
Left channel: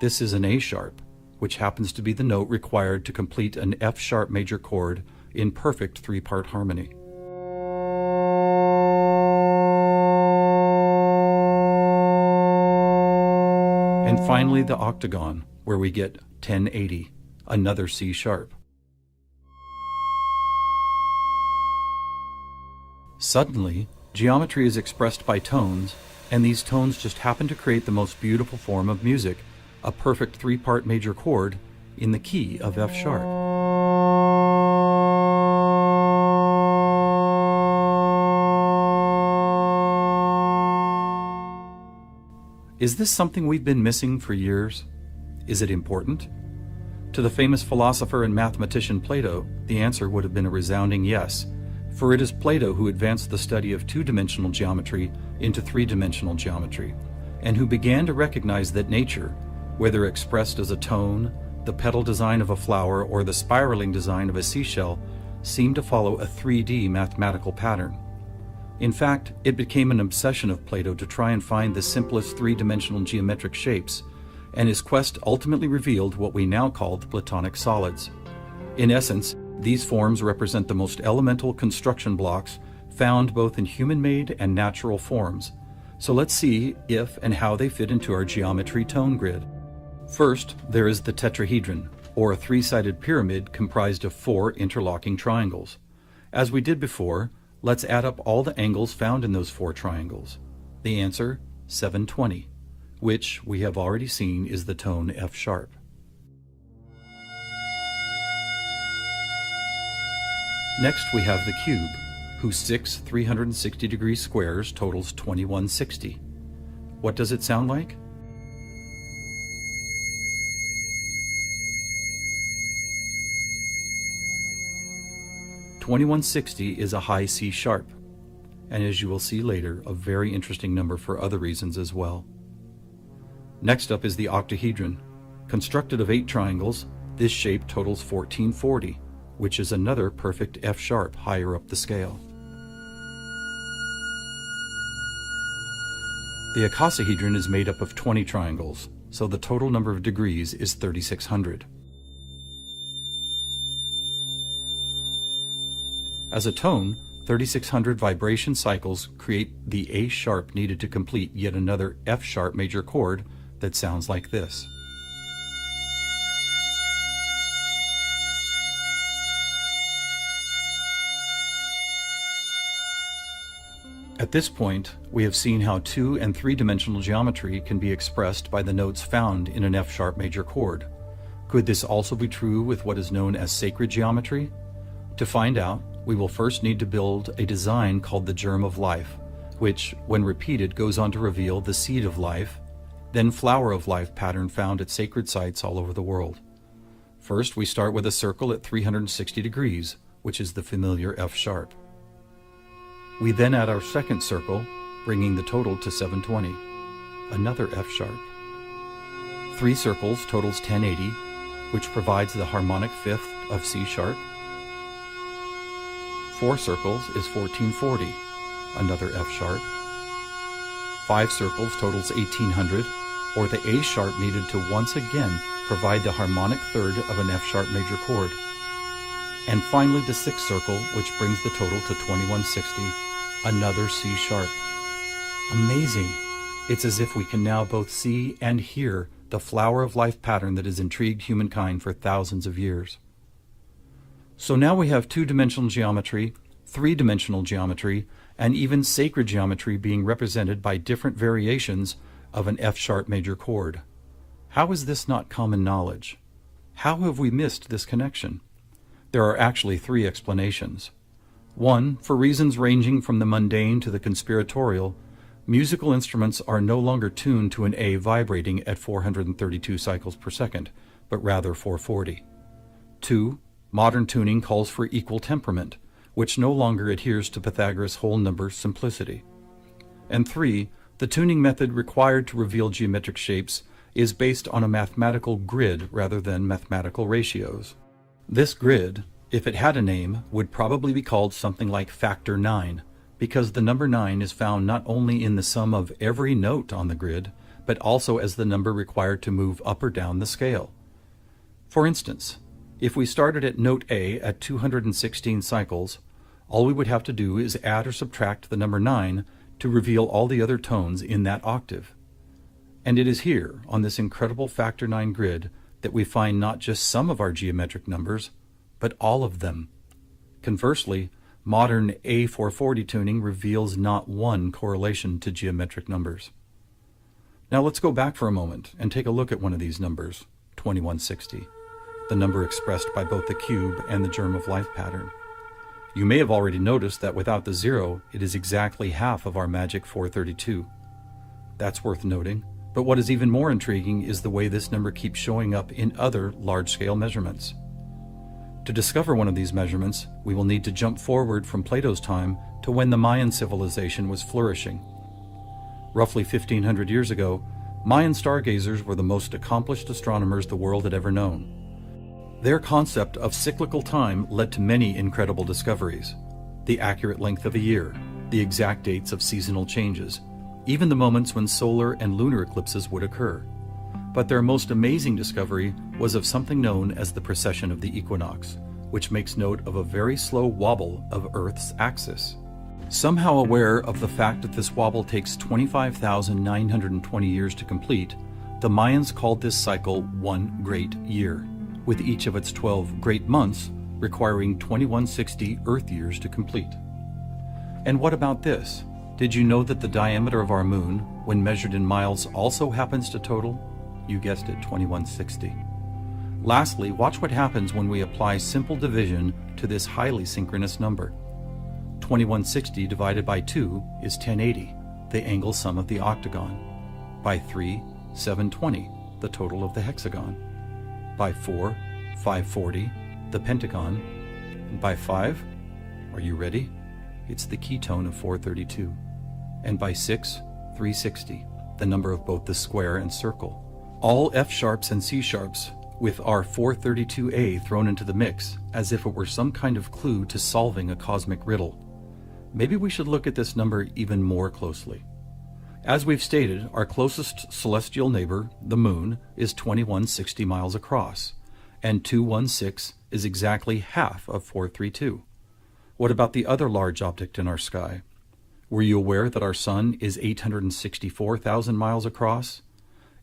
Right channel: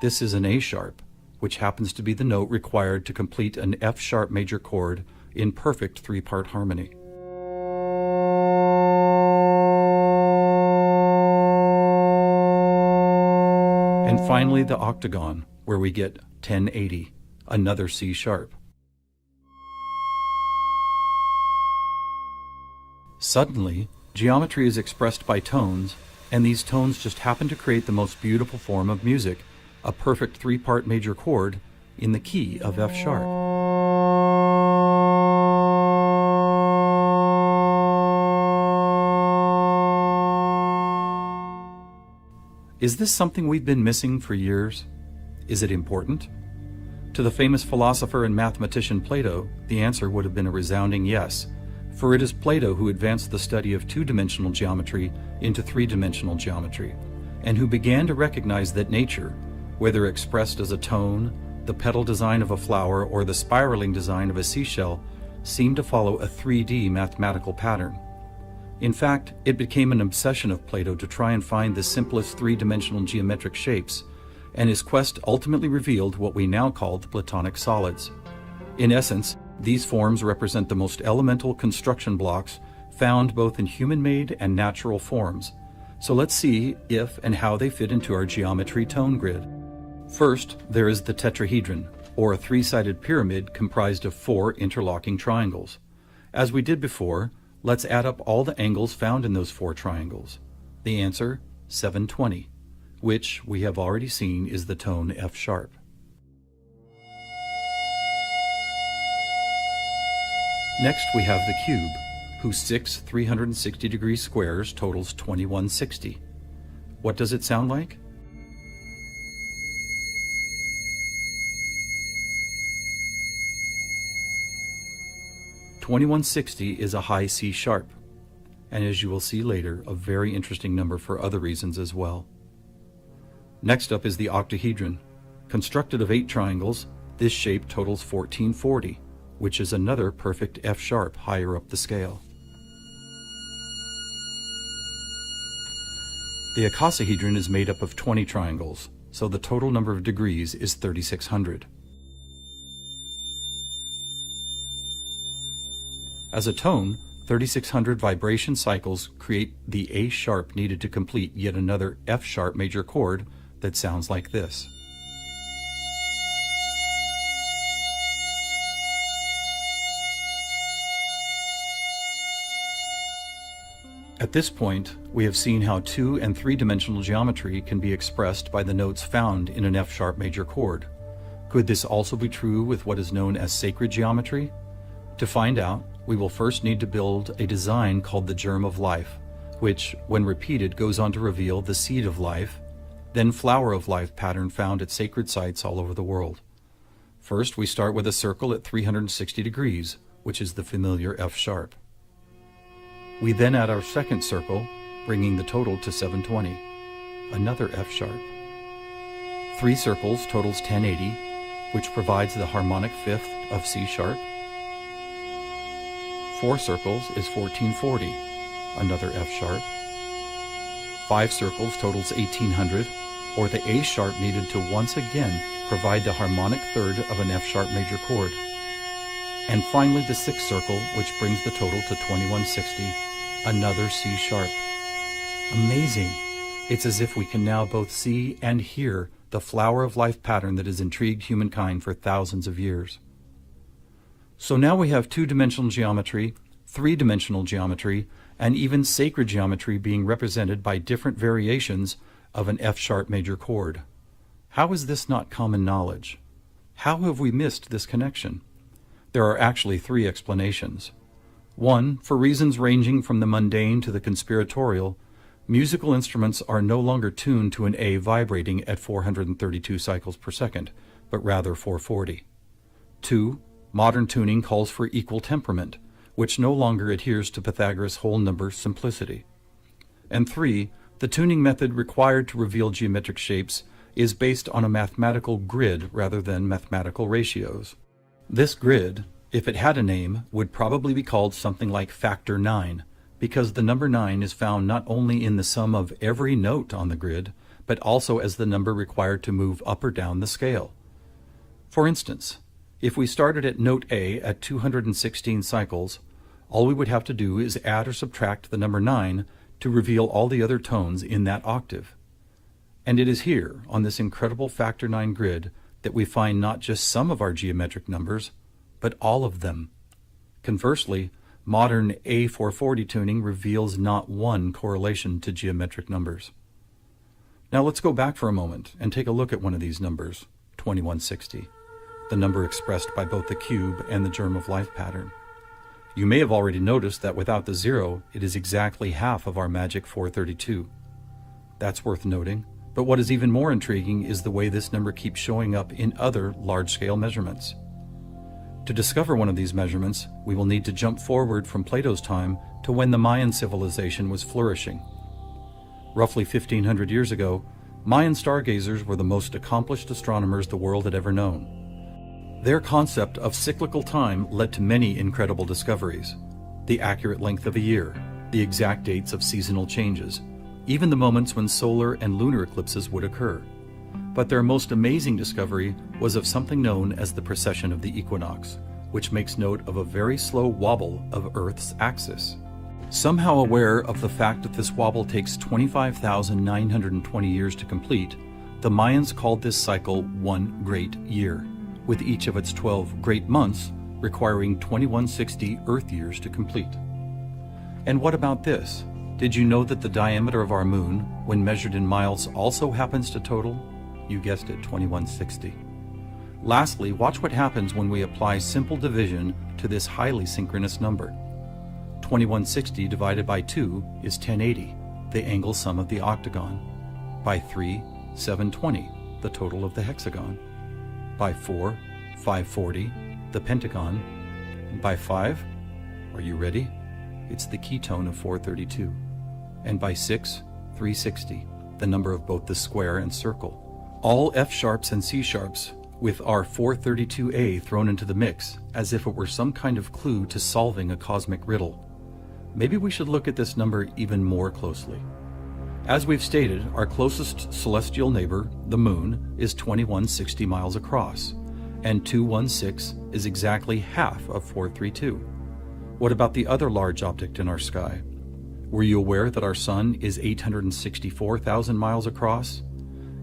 This is an A sharp, which happens to be the note required to complete an F sharp major chord in perfect three-part harmony. And finally the octagon, where we get 1080, another C sharp. Suddenly, geometry is expressed by tones, and these tones just happen to create the most beautiful form of music, a perfect three-part major chord in the key of F sharp. Is this something we've been missing for years? Is it important? To the famous philosopher and mathematician Plato, the answer would have been a resounding yes, for it is Plato who advanced the study of two-dimensional geometry into three-dimensional geometry, and who began to recognize that nature, whether expressed as a tone, the petal design of a flower, or the spiraling design of a seashell, seemed to follow a 3D mathematical pattern. In fact, it became an obsession of Plato to try and find the simplest three-dimensional geometric shapes, and his quest ultimately revealed what we now call the Platonic Solids. In essence, these forms represent the most elemental construction blocks found both in human-made and natural forms. So let's see if and how they fit into our geometry tone grid. First, there is the Tetrahedron, or a three-sided pyramid comprised of 4 interlocking triangles. As we did before, let's add up all the angles found in those 4 triangles. The answer, 720, which we have already seen is the tone F sharp. Next we have the cube, whose 6 360-degree squares totals 2160. What does it sound like? (2160) is a high C sharp, and as you will see later, a very interesting number for other reasons as well. Next up is the octahedron. Constructed of 8 triangles, this shape totals 1440, which is another perfect F sharp higher up the scale. The icosahedron is made up of 20 triangles, so the total number of degrees is 3600. As a tone, 3600 vibration cycles create the A sharp needed to complete yet another F sharp major chord that sounds like this. At this point, we have seen how 2- and 3-dimensional geometry can be expressed by the notes found in an F sharp major chord. Could this also be true with what is known as sacred geometry? To find out, we will first need to build a design called the Germ of Life, which, when repeated, goes on to reveal the seed of life, then flower of life pattern found at sacred sites all over the world. First, we start with a circle at 360 degrees, which is the familiar F sharp. We then add our second circle, bringing the total to 720. another F sharp. 3 circles totals 1080, which provides the harmonic fifth of C sharp. 4 circles is 1440, another F sharp. 5 circles totals 1800, or the A sharp needed to once again provide the harmonic third of an F sharp major chord. And finally the 6th circle, which brings the total to 2160, another C sharp. Amazing! It's as if we can now both see and hear the flower of life pattern that has intrigued humankind for thousands of years. So now we have 2-dimensional geometry, 3-dimensional geometry, and even sacred geometry being represented by different variations of an F-sharp major chord. How is this not common knowledge? How have we missed this connection? There are actually 3 explanations. 1, for reasons ranging from the mundane to the conspiratorial, musical instruments are no longer tuned to an A vibrating at 432 cycles per second, but rather 440. 2, modern tuning calls for equal temperament, which no longer adheres to Pythagoras' whole number simplicity. And 3, the tuning method required to reveal geometric shapes is based on a mathematical grid rather than mathematical ratios. This grid, if it had a name, would probably be called something like factor 9, because the number 9 is found not only in the sum of every note on the grid, but also as the number required to move up or down the scale. For instance, if we started at note A at 216 cycles, all we would have to do is add or subtract the number 9 to reveal all the other tones in that octave. And it is here, on this incredible factor 9 grid, that we find not just some of our geometric numbers, but all of them. Conversely, modern A440 tuning reveals not one correlation to geometric numbers. Now let's go back for a moment and take a look at one of these numbers, 2160, the number expressed by both the cube and the germ of life pattern. You may have already noticed that without the 0, it is exactly half of our magic 432. That's worth noting, but what is even more intriguing is the way this number keeps showing up in other large-scale measurements. To discover one of these measurements, we will need to jump forward from Plato's time to when the Mayan civilization was flourishing. Roughly 1500 years ago, Mayan stargazers were the most accomplished astronomers the world had ever known. Their concept of cyclical time led to many incredible discoveries: the accurate length of a year, the exact dates of seasonal changes, even the moments when solar and lunar eclipses would occur. But their most amazing discovery was of something known as the precession of the equinox, which makes note of a very slow wobble of Earth's axis. Somehow aware of the fact that this wobble takes 25,920 years to complete, the Mayans called this cycle one great year, with each of its 12 great months requiring 2160 Earth years to complete. And what about this? Did you know that the diameter of our moon, when measured in miles, also happens to total? You guessed it, 2160. Lastly, watch what happens when we apply simple division to this highly synchronous number. 2160 divided by 2 is 1080, the angle sum of the octagon. By 3, 720, the total of the hexagon. By 4, 540, the pentagon. And by 5, are you ready? It's the ketone of 432. And by 6, 360, the number of both the square and circle. All F sharps and C sharps, with our 432A thrown into the mix, as if it were some kind of clue to solving a cosmic riddle. Maybe we should look at this number even more closely. As we've stated, our closest celestial neighbor, the moon, is 2160 miles across, and 216 is exactly half of 432. What about the other large object in our sky? Were you aware that our sun is 864,000 miles across?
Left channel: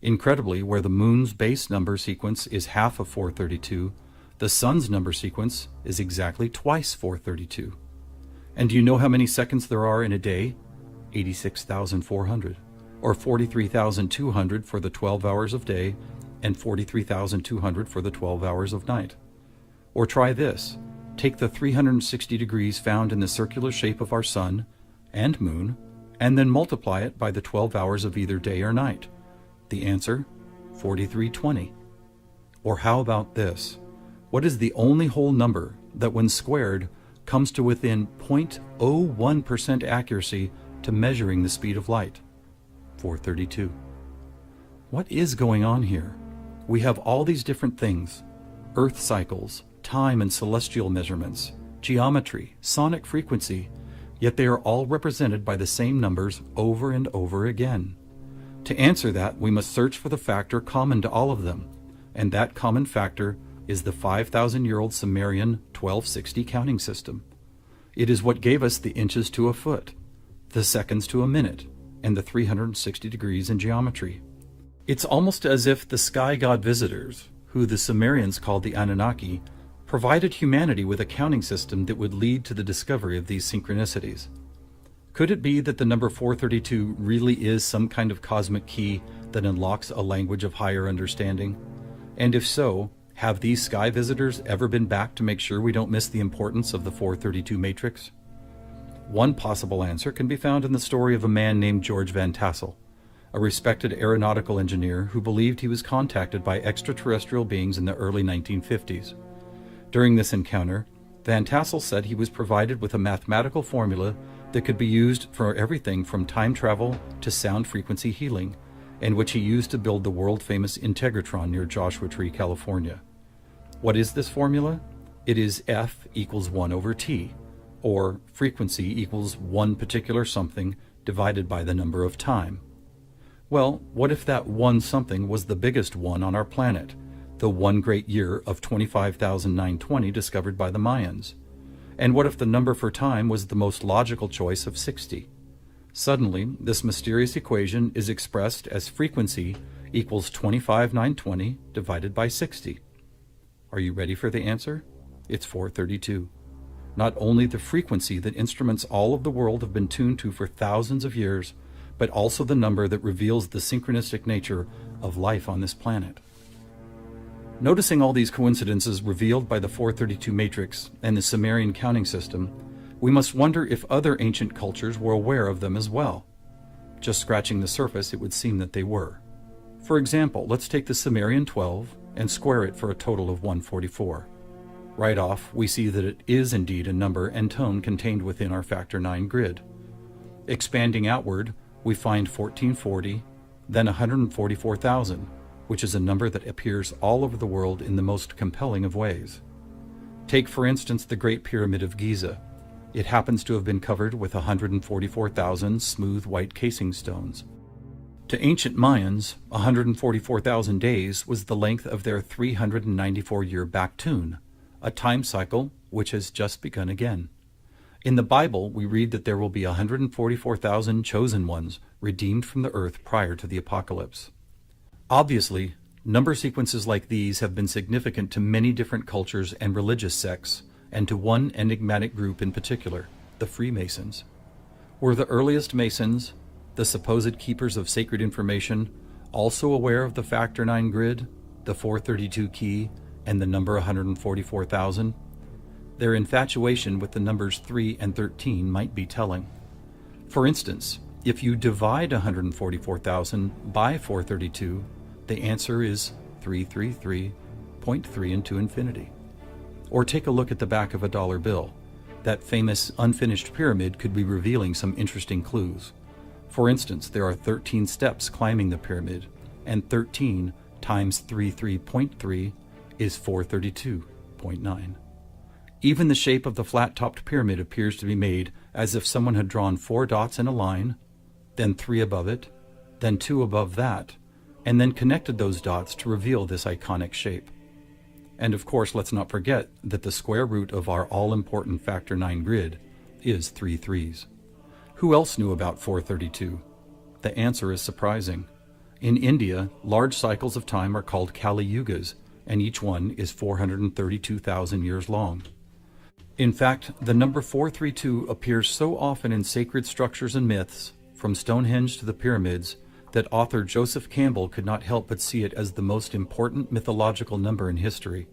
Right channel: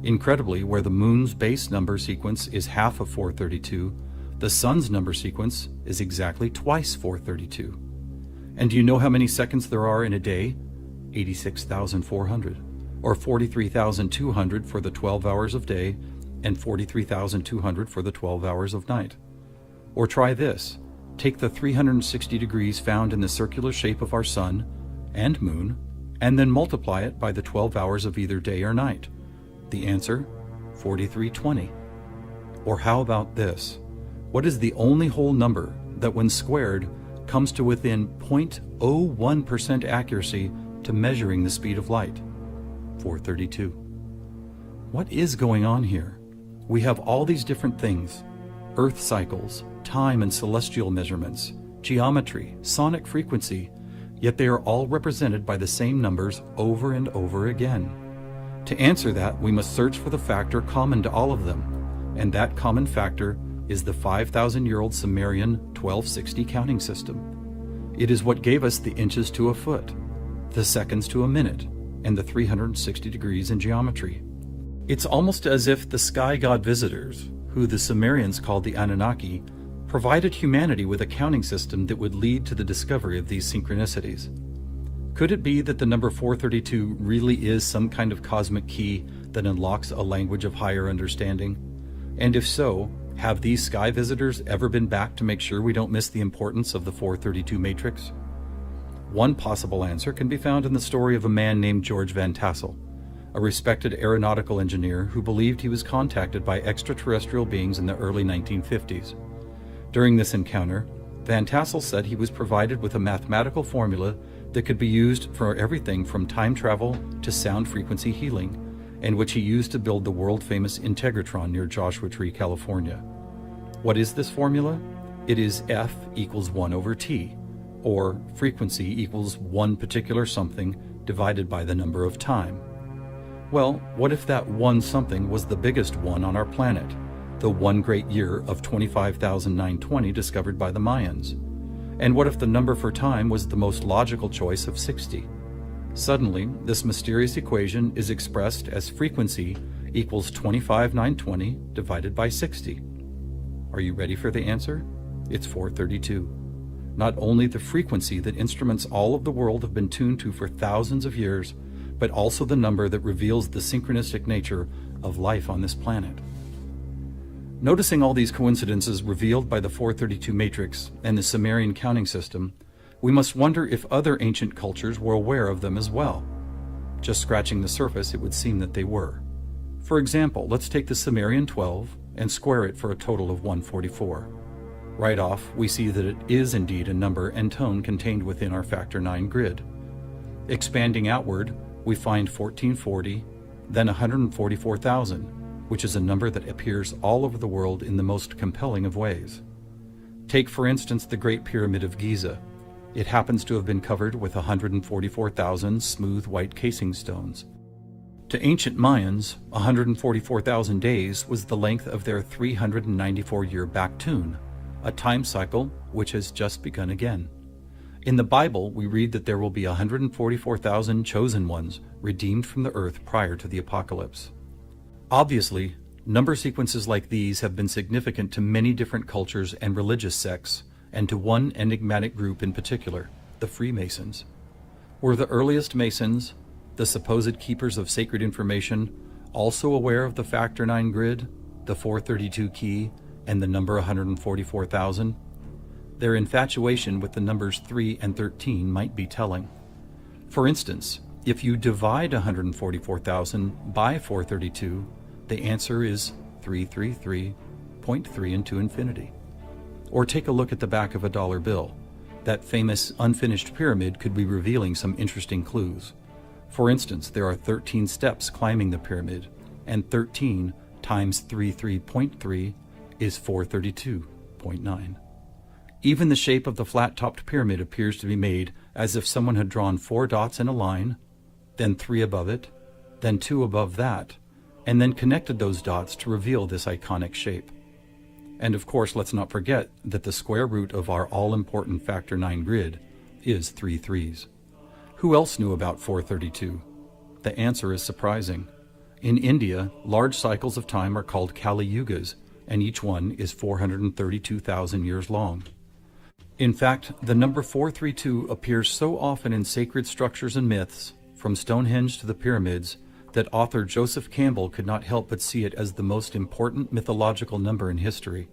Incredibly, where the moon's base number sequence is half of 432, the sun's number sequence is exactly twice 432. And do you know how many seconds there are in a day? 86,400, or 43,200 for the 12 hours of day and 43,200 for the 12 hours of night. Or try this. Take the 360 degrees found in the circular shape of our sun and moon, and then multiply it by the 12 hours of either day or night. The answer, 4320. Or how about this? What is the only whole number that when squared comes to within 0.01% accuracy to measuring the speed of light? 432. What is going on here? We have all these different things: Earth cycles, time and celestial measurements, geometry, sonic frequency, yet they are all represented by the same numbers over and over again. To answer that, we must search for the factor common to all of them, and that common factor is the 5,000-year-old Sumerian 1260 counting system. It is what gave us the inches to a foot, the seconds to a minute, and the 360 degrees in geometry. It's almost as if the sky god visitors, who the Sumerians called the Anunnaki, provided humanity with a counting system that would lead to the discovery of these synchronicities. Could it be that the number 432 really is some kind of cosmic key that unlocks a language of higher understanding? And if so, have these sky visitors ever been back to make sure we don't miss the importance of the 432 matrix? One possible answer can be found in the story of a man named George Van Tassel, a respected aeronautical engineer who believed he was contacted by extraterrestrial beings in the early 1950s. During this encounter, Van Tassel said he was provided with a mathematical formula that could be used for everything from time travel to sound frequency healing, and which he used to build the world-famous Integratron near Joshua Tree, California. What is this formula? It is F equals 1 over T, or frequency equals one particular something divided by the number of time. Well, what if that one something was the biggest one on our planet, the one great year of 25,920 discovered by the Mayans? And what if the number for time was the most logical choice of 60? Suddenly, this mysterious equation is expressed as frequency equals 25,920 divided by 60. Are you ready for the answer? It's 432. Not only the frequency that instruments all of the world have been tuned to for thousands of years, but also the number that reveals the synchronistic nature of life on this planet. Noticing all these coincidences revealed by the 432 matrix and the Sumerian counting system, we must wonder if other ancient cultures were aware of them as well. Just scratching the surface, it would seem that they were. For example, let's take the Sumerian 12 and square it for a total of 144. Right off, we see that it is indeed a number and tone contained within our factor 9 grid. Expanding outward, we find 1440, then 144,000, which is a number that appears all over the world in the most compelling of ways. Take, for instance, the Great Pyramid of Giza. It happens to have been covered with 144,000 smooth white casing stones. To ancient Mayans, 144,000 days was the length of their 394-year back tune, a time cycle which has just begun again. In the Bible, we read that there will be 144,000 chosen ones redeemed from the earth prior to the apocalypse. Obviously, number sequences like these have been significant to many different cultures and religious sects, and to one enigmatic group in particular, the Freemasons. Were the earliest Masons, the supposed keepers of sacred information, also aware of the factor 9 grid, the 432 key, and the number 144,000? Their infatuation with the numbers 3 and 13 might be telling. For instance, if you divide 144,000 by 432, the answer is 333.3 into infinity. Or take a look at the back of a dollar bill. That famous unfinished pyramid could be revealing some interesting clues. For instance, there are 13 steps climbing the pyramid, and 13 times 33.3 is 432.9. Even the shape of the flat-topped pyramid appears to be made as if someone had drawn 4 dots in a line, then 3 above it, then 2 above that, and then connected those dots to reveal this iconic shape. And of course, let's not forget that the square root of our all-important factor 9 grid is 3 threes. Who else knew about 432? The answer is surprising. In India, large cycles of time are called Kali Yugas, and each one is 432,000 years long. In fact, the number 432 appears so often in sacred structures and myths, from Stonehenge to the pyramids, that author Joseph Campbell could not help but see it as the most important mythological number in history.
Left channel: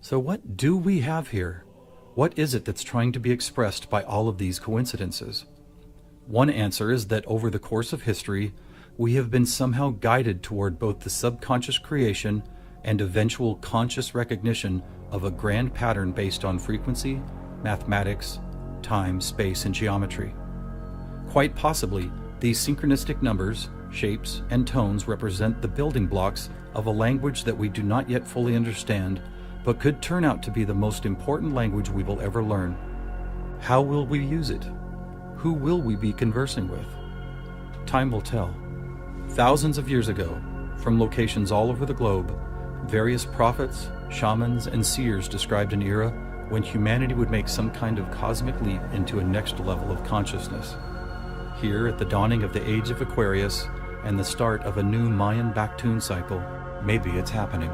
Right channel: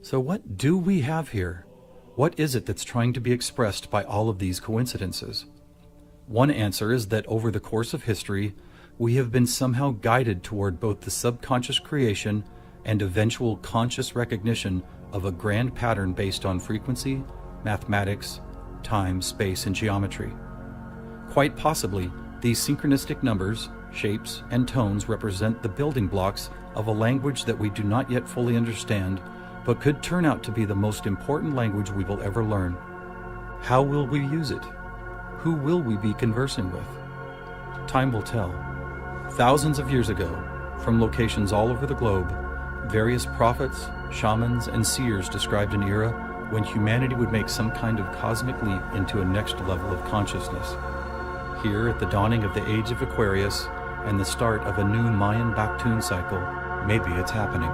So what do we have here? What is it that's trying to be expressed by all of these coincidences? One answer is that over the course of history, we have been somehow guided toward both the subconscious creation and eventual conscious recognition of a grand pattern based on frequency, mathematics, time, space, and geometry. Quite possibly, these synchronistic numbers, Shapes and tones represent the building blocks of a language that we do not yet fully understand, but could turn out to be the most important language we will ever learn. How will we use it? Who will we be conversing with? Time will tell. Thousands of years ago, from locations all over the globe, various prophets, shamans, and seers described an era when humanity would make some kind of cosmic leap into a next level of consciousness. Here, at the dawning of the age of Aquarius and the start of a new Mayan Baktun cycle, maybe it's happening.